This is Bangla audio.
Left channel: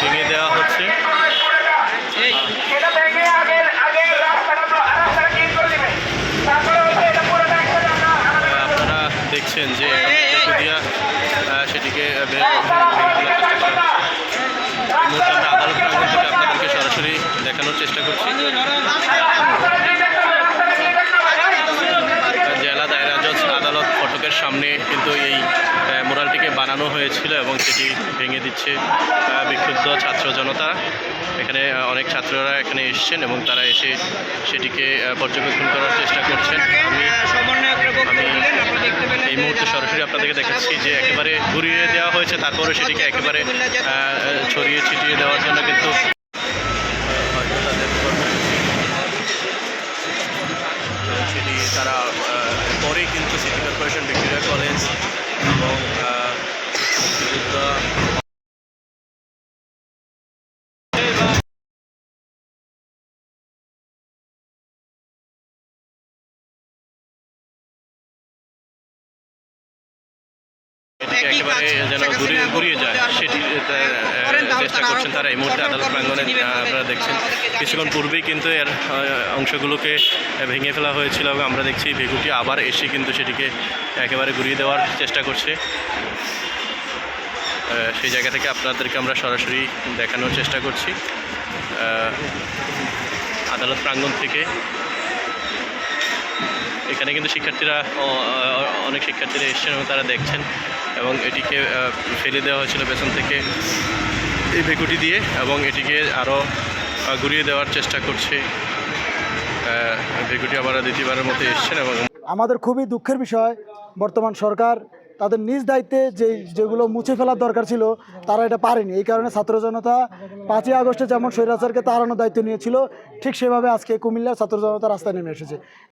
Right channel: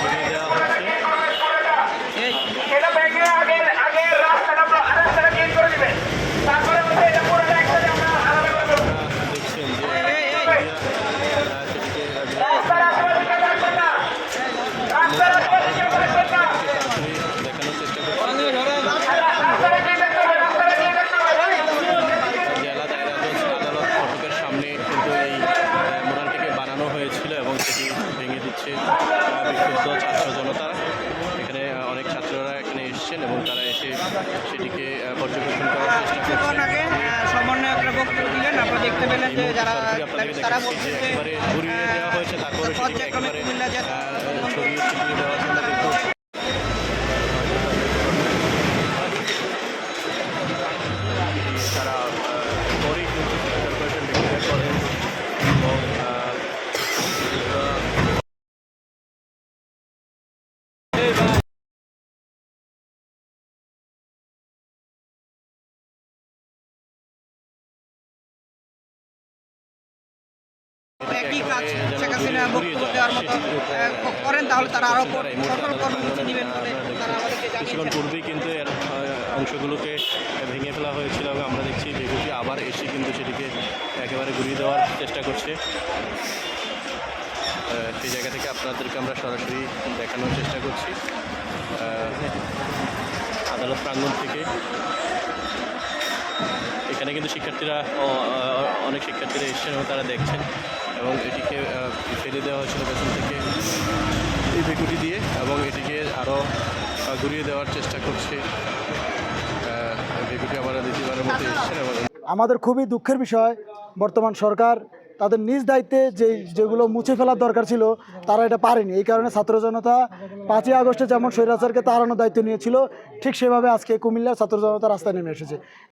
ভেঙে দেওয়া হচ্ছে। আহ, আপনারা দেখছেন যে খুদিয়া সেটিকে আদালত প্রাঙ্গণ থেকে আপনাদেরকে সরাসরি দেখানোর চেষ্টা করছি। আদালত সামনে কিন্তু এই মুরালটিকে বানানো হয়েছিল এবং সেটি ভেঙে দিচ্ছে বিক্ষুব্ধ ছাত্র জনতা। এখানে অনেক ছাত্ররা এখানে এসেছেন এবং তারা এসে সেটিকে পর্যবেক্ষণ করার চেষ্টা করছেন। আমি আমি এই মুহূর্তে সরাসরি আপনাদেরকে দেখাচ্ছি যে একেবারে ঘুরিয়ে দেওয়া হয়েছে, তারপরে সেটিকে একেবারে ছড়িয়ে ছিটিয়ে দেওয়ার জন্য কিন্তু সেটি তারা পরেই কিন্তু সিটি কর্পোরেশন ভিক্টোরিয়া কলেজ এটিকে একেবারে যেন ঘুরিয়ে ঘুরিয়ে যায়। সেটি চেষ্টা করছেন তারা। এই মুহূর্তে আদালত প্রাঙ্গণে আপনারা দেখছেন। কিছুক্ষণ পূর্বেই কিন্তু এর অংশগুলোকে ভেঙে ফেলা হয়েছিল এবং আমরা দেখছি বেগুটি আবার এসে কিন্তু সেটিকে একেবারে ঘুরিয়ে দেওয়ার চেষ্টা করছে। সেই জায়গা থেকে আপনাদেরকে আমরা সরাসরি দেখানোর চেষ্টা করছি। আদালত প্রাঙ্গণ থেকে এখানে কিন্তু শিক্ষার্থীরা অনেক শিক্ষার্থীরা এসেছেন এবং তারা দেখছেন এবং এটিকে ফেলে দেওয়া হয়েছিল পেছন থেকে এই ভেকুটি দিয়ে এবং এটিকে আরও ঘুরিয়ে দেওয়ার চেষ্টা করছে। ভেকুটি আবার দ্বিতীয়বারের মতো এসছেন এবং আমাদের খুবই দুঃখের বিষয়, বর্তমান সরকার তাদের নিজ দায়িত্বে যে যেগুলো মুছে ফেলার দরকার ছিল, তারা এটা পারেনি। এই কারণে ছাত্র জনতা পাঁচই আগস্টে যেমন স্বৈরাচারকে তাড়ানোর দায়িত্ব নিয়েছিল, ঠিক সেভাবে আজকে কুমিল্লার ছাত্র জনতা রাস্তায় নেমে এসেছে।